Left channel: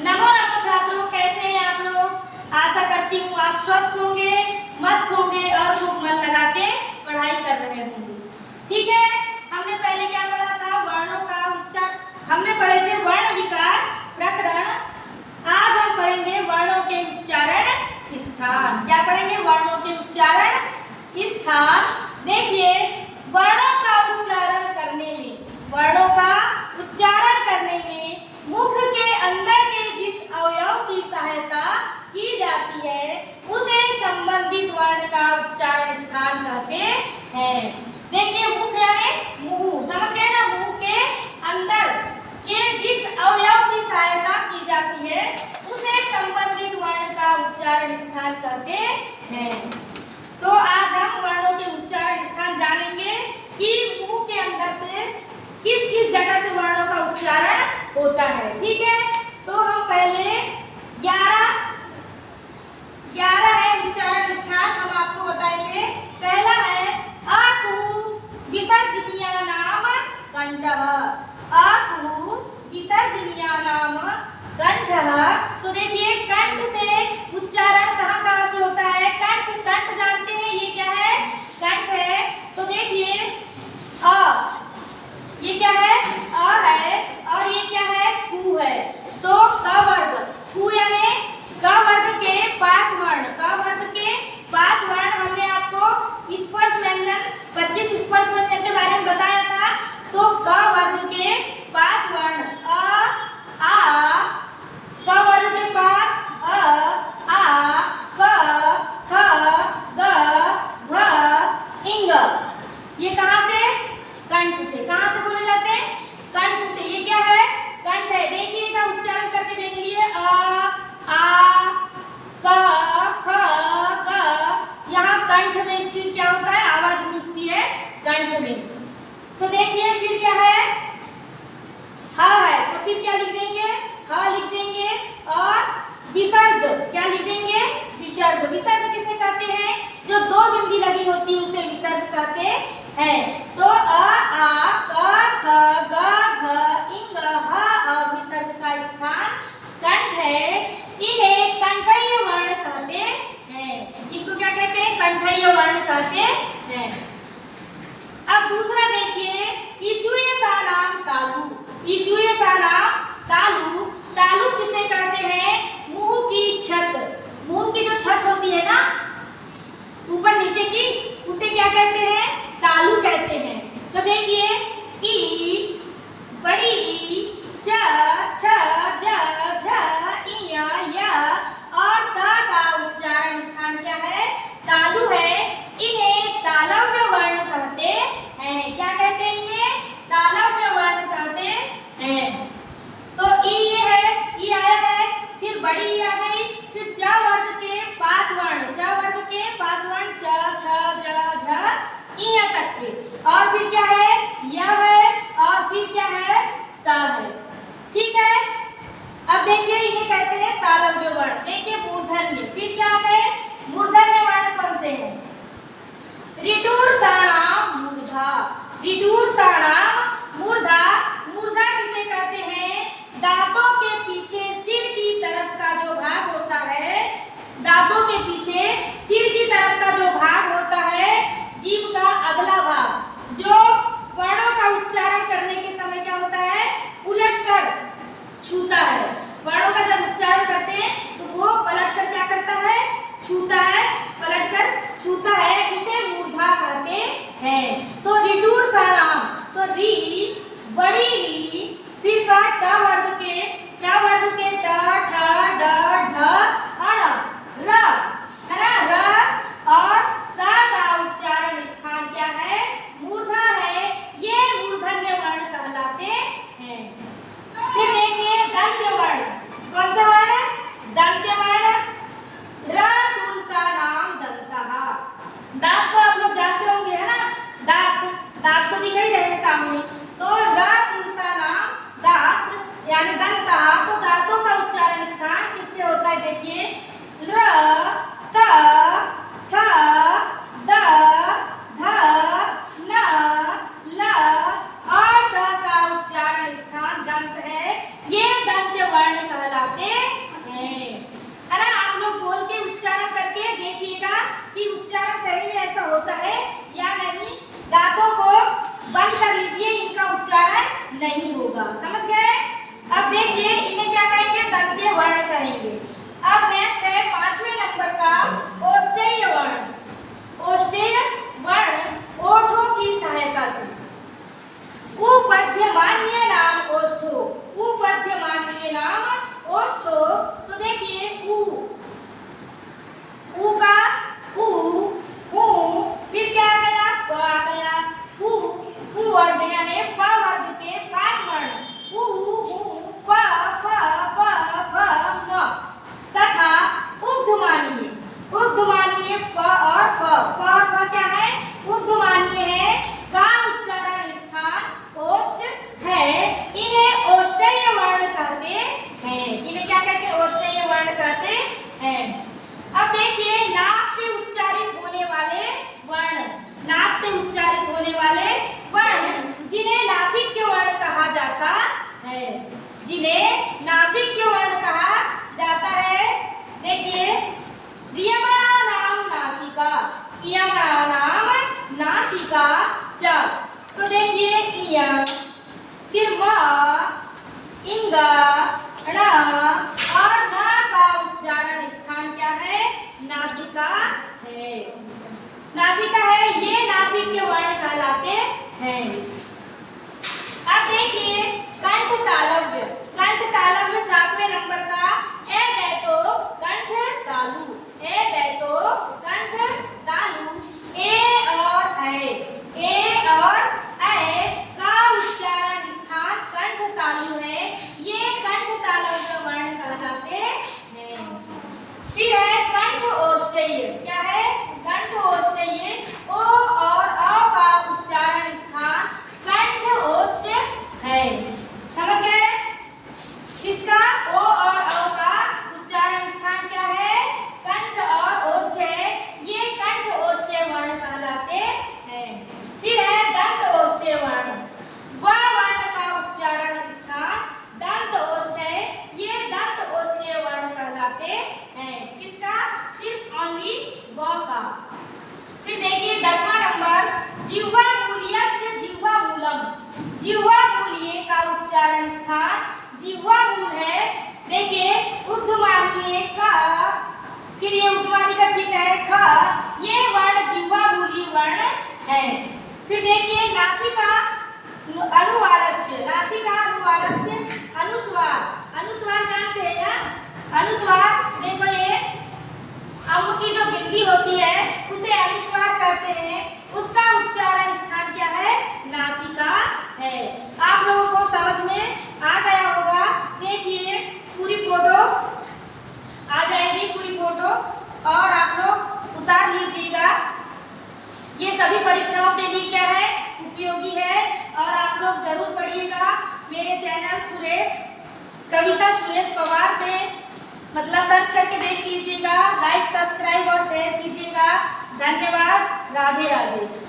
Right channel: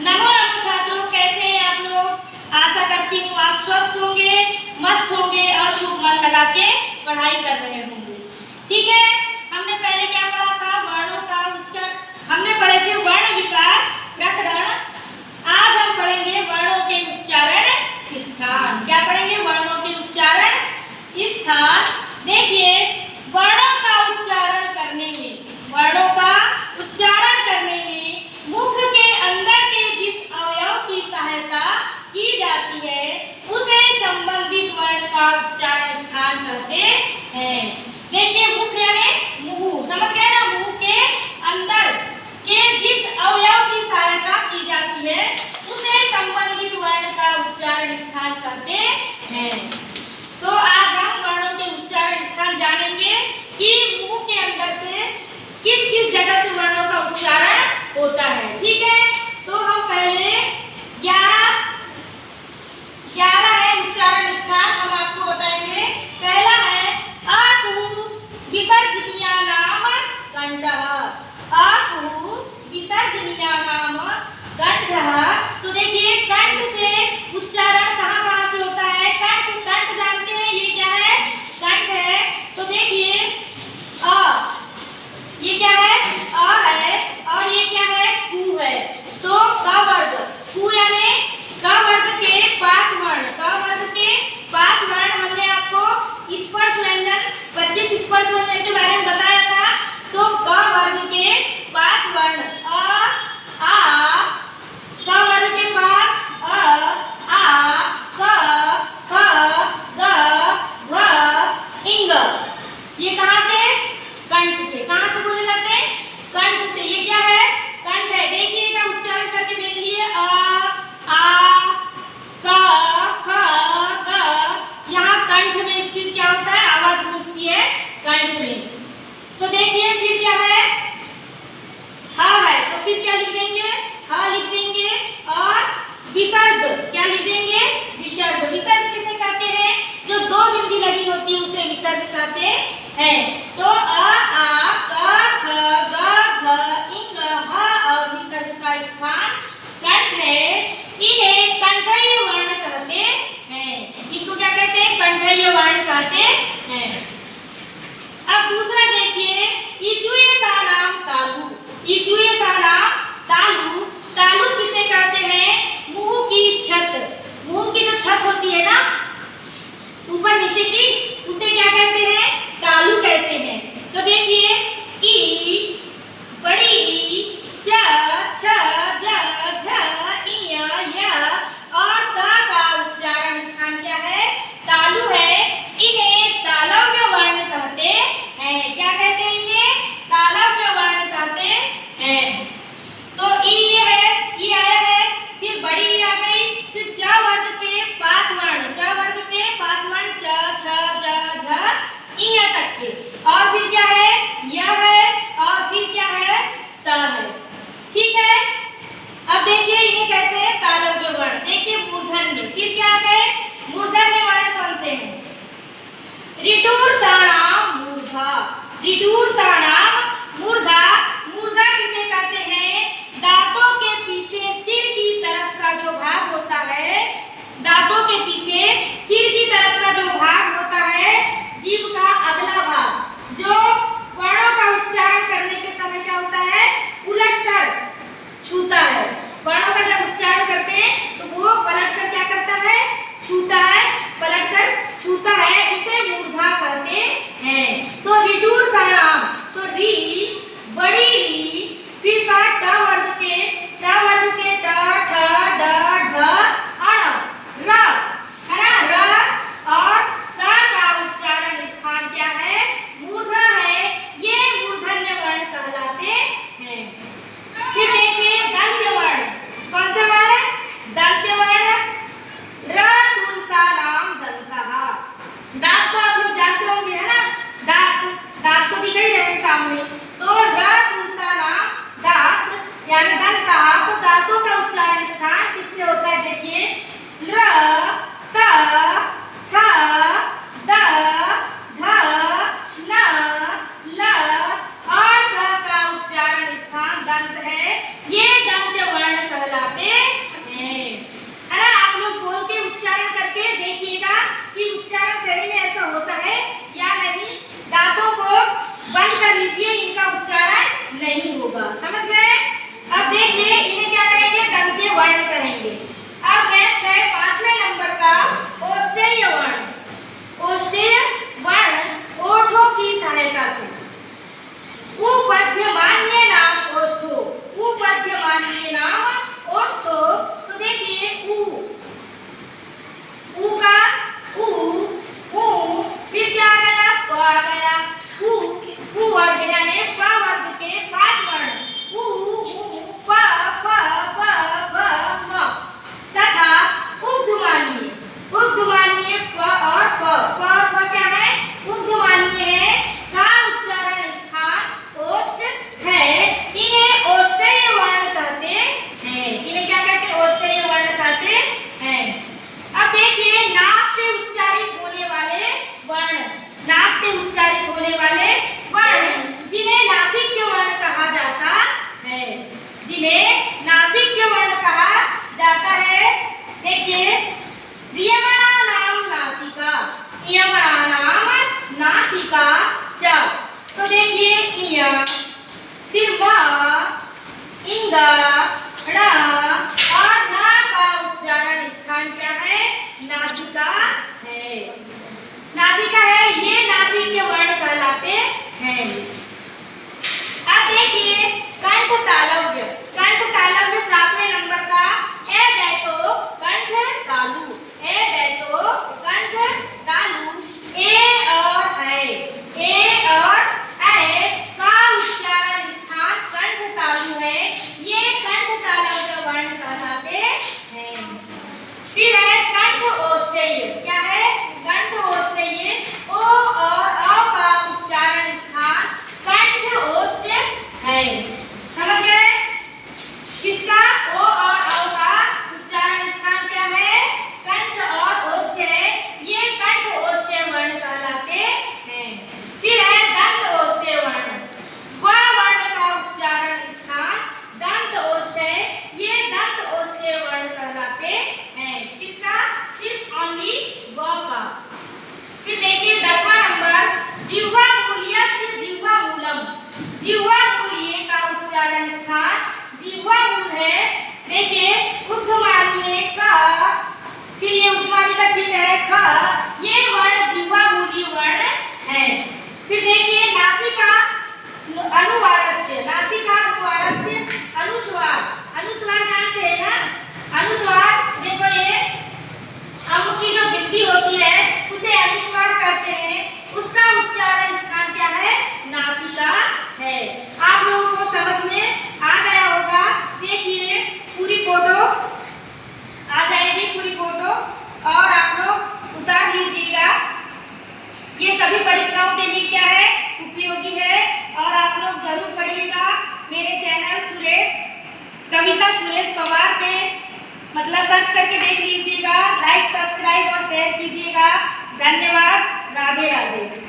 नमो नमो छात्रों, कैसे हैं आप लोग। आशा करती हूँ आप स्वस्थ होंगे, मस्त होंगे और खूब मन लगा के पढ़ाई कर रहे होंगे। ठीक है, हमने पहले क्या पढ़ा था, वर्णों का उच्चारण। हमने पढ़े थे वर्ण विकार प्रकरण। आज हम पढ़ेंगे वर्णों के उच्चारण स्थान। क्या पढ़ेंगे? वर्णों के उच्चारण स्थान। देखिए, वर्णों का उच्चारण करने में, वर्णों का उच्चारण करने में मुख के अंदर के जिस अवयव की सहायता की जाती है उसे संबंधित वर्ण का उच्चारण स्थान कहते हैं। देखिए, मुख यानी मुंह, समझ गए ना। मुंह के अंदर के जिस अवयव की सहायता की जाती है उसे संबंधित वर्ण का उच्चारण स्थान कहते हैं। तो आज हम वर्णों के उच्चारण स्थान जानेंगे कि मुंह के अंदर से किस किस जगह से वर्णों का उच्चारण होता है। ठीक है, तो हम पहले 11 है उच्चारण स्थान, हम आपको बताएंगे। पहला है अकुहु विसर्जनीया नाम कंठः। अकुहु विसर्जनीया नाम कंठः। तो देखिए, कंठ से उच्चारण कहाँ कहाँ से होता है। कंठ, कंठ जानते हैं ये क्या है? कंठ है। तो देखिए, अ, ये क्या है? अ है। और ये क्या है? कु है। तो क वर्ग, कु यानी क वर्ग के 5 वर्ण। क वर्ग के 5 वर्ण हमने आपको स्पर्श व्यंजन 25 स्पर्श व्यंजन के बारे में बताया था। तो क वर्ग के 5 वर्ण अ, आ, क वर्ग के 5 अ, आ, क, ख, ग, घ, इंग। ये कहाँ से? कंठ से। कहाँ से बोले जाते हैं? कंठ से। ये क्या है? कंठ है। देखिएगा, उच्चारण करके देख लिए। आ, क, ख, ग। यहाँ कंठ में स्थित क्या होता है? आवाज गूंजती है कंठ में। तो देखिए, फिर क्या है? ह है। तो फिर क्या लिख देंगे? ह लिख देंगे। और विसर्ग क्या लिख देंगे? विसर्ग। विसर्ग किसे कहते हैं? जो 2 बिंदी लगी होती है उसे विसर्ग कहते हैं। तो अ, आ, क, ख, ग, घ, इंग, ह और विसर्ग का स्थान कंठ है। इन्हें कंठीय वर्ण कहते हैं। इनको क्या कहते हैं? कंठीय वर्ण कहते हैं। अब दूसरा देखिए, इचुएसा नाम तालु। इचुएसा नाम तालु। तालु किसे कहते हैं? मुंह की छत। मुंह की जो छत होती है ना, ऊपर नीचे की, उसे क्या कहते हैं? तालु कहते हैं। तो देखिए, ई, बड़ी ई, च, छ, ज, झ, इय, य और स का उच्चारण स्थान क्या है? तालु है। इन्हें तालव्य वर्ण कहते हैं। क्या कहते हैं? इन्हें तालव्य वर्ण कहते हैं। तो ई ये है, ई आया है। फिर बड़ी ई आ गई। फिर च वर्ग के 5 वर्ण, च वर्ग के 5 वर्ण च, छ, ज, झ, इय तक के। और फिर क्या है? य है। और फिर क्या है? स है। ठीक है, अब देखिए, इन्हें कहते हैं तालव्य वर्ण। देखिए, मूर्धन्य। फिर क्या आ गए? मूर्धन्य वर्ण कौन से हैं? ऋटूर्षाणाम मूर्धा। ऋटूर्षाणाम मूर्धा। मूर्धा किसे कहते हैं? दांतों के पीछे सिर की तरफ का जो भाग होता है, दांतों के पीछे सिर की तरफ का जो भाग होता है, जीभ का अगला भाग, जो वर्णों का उच्चारण करने के समय क्या होता है? उलट कर छूता है। वर्णों का जब उच्चारण करते हैं तो वो पलट कर क्या करता है? छूता है, पलट कर छूता है, उसे मूर्धा कहते हैं। तो ऋटूर्षाणाम, तो री, बड़ी री, फिर का ट वर्ग के, ट वर्ग के ट, ठ, ड, ढ, अण, र, है ना, र और स का उच्चारण स्थान क्या है? मूर्धा है। ये मूर्धन्य वर्ण कहलाते हैं। फिर देखिए, दंत्य वर्ण। कौन सा वर्ण है? दंत्य वर्ण। र तुलसा नाम दंतः। दांत तो आप लोग जानते होंगे, है ना। दांत, दांत तो दिख ही रहे सामने। तो र तुलसा नाम दांत यानी दंत उसे वर्ण कहेंगे। अब नेक्स्ट है 5वें नंबर का औष्ठेय वर्ण। औष्ठेय वर्ण ओठों की सहायता से उपध्यमान्य नाम ओष्ठो, उपध्यमान्य नाम ओष्ठो। तो देखिए उ का उ, उ, फिर क्या गया प गया, उ वर्ग यानी प वर्ग के 5 वर्ण उ, प, फ, ब, भ, म तथा ऊर्ध्वमानीय, ऊर्ध्वमानीय प और फ। प और फ क्या है? ऊर्ध्वमानीय है, का उच्चारण स्थान ओष्ठ है। इन्हें औष्ठेय वर्ण कहते हैं। इन्हें क्या कहते हैं? औष्ठेय वर्ण कहते हैं। अब देखिए नाक से उच्चारित होने वाले वर्ण, नाक से उच्चारित होने वाले वर्ण जिन्हें नासिक्य वर्ण कहा जाता है, जिन्हें नासिक्य वर्ण कहा जाता है। देखिए इयमणानां नासिका, इयमणानां नासिका च। तो देखिए इय, फिर व, इंग, ण और न का उच्चारण स्थान क्या है? नासिका है, नासिका है। ये नासिक्य वर्ण कहलाते हैं। अब देखिए कंठ तालव्य, कंठ तालव्य 7वें नंबर का ए डैतो कंठ तालु, ए डैतो कंठ तालु। ए और ऐ का उच्चारण स्थान कंठ तालु है। ये कंठ तालव्य वर्ण कहलाते हैं। फिर है कंठ औष्ठेय। क्या है? कंठ औष्ठेय। ओ और अ का उच्चारण स्थान कंठ औष्ठ है। समझ गए? किसका? ओ और अ का उच्चारण स्थान क्या है? कंठ और औष्ठ है। ये कंठ औष्ठेय वर्ण कहलाते हैं। फिर है दंत औष्ठेय वर्ण। व वर्ण का उच्चारण स्थान दंत औष्ठ है। ये दंत औष्ठेय वर्ण कहलाते हैं। किसका? सिर्फ ओनली व का। फिर देखिए 10वां नंबर जिह्वा मूल्यस्य जिह्वा मूलम। जिह्वा मूल्य का उच्चारण स्थान जिह्वा मूल है। देखिए उद्गमानीय का, फिर ये उद्गमानी का चिन्ह है ख। ये वर्ण जिह्वा मूली वर्ण है। फिर देखिए नासिका अनुवारस्य, नासिका अनुवारस्य अनुस्वार। अनुस्वार जानते हैं ना? अनुस्वार देखो ये अम की जो बिंदी होती है उसे अनुस्वार कहते हैं। उसका उच्चारण स्थान क्या है? नासिका है। आप लोगों को समझ में आ गया होगा। देखिए पूरी फोटो आ जाएगी, पूरी फोटो और आप लोग उतार लीजिएगा। ये सभी परीक्षाओं के लिए क्या है? उपयोगी है और आप लोग जरूर पढ़िएगा। मेरे चैनल कविता सुरेश पवार पे मतलब सर्च करके देख लीजिएगा। लाइक, सब्सक्राइब और शेयर कीजिएगा। धन्यवाद। राधे राधे।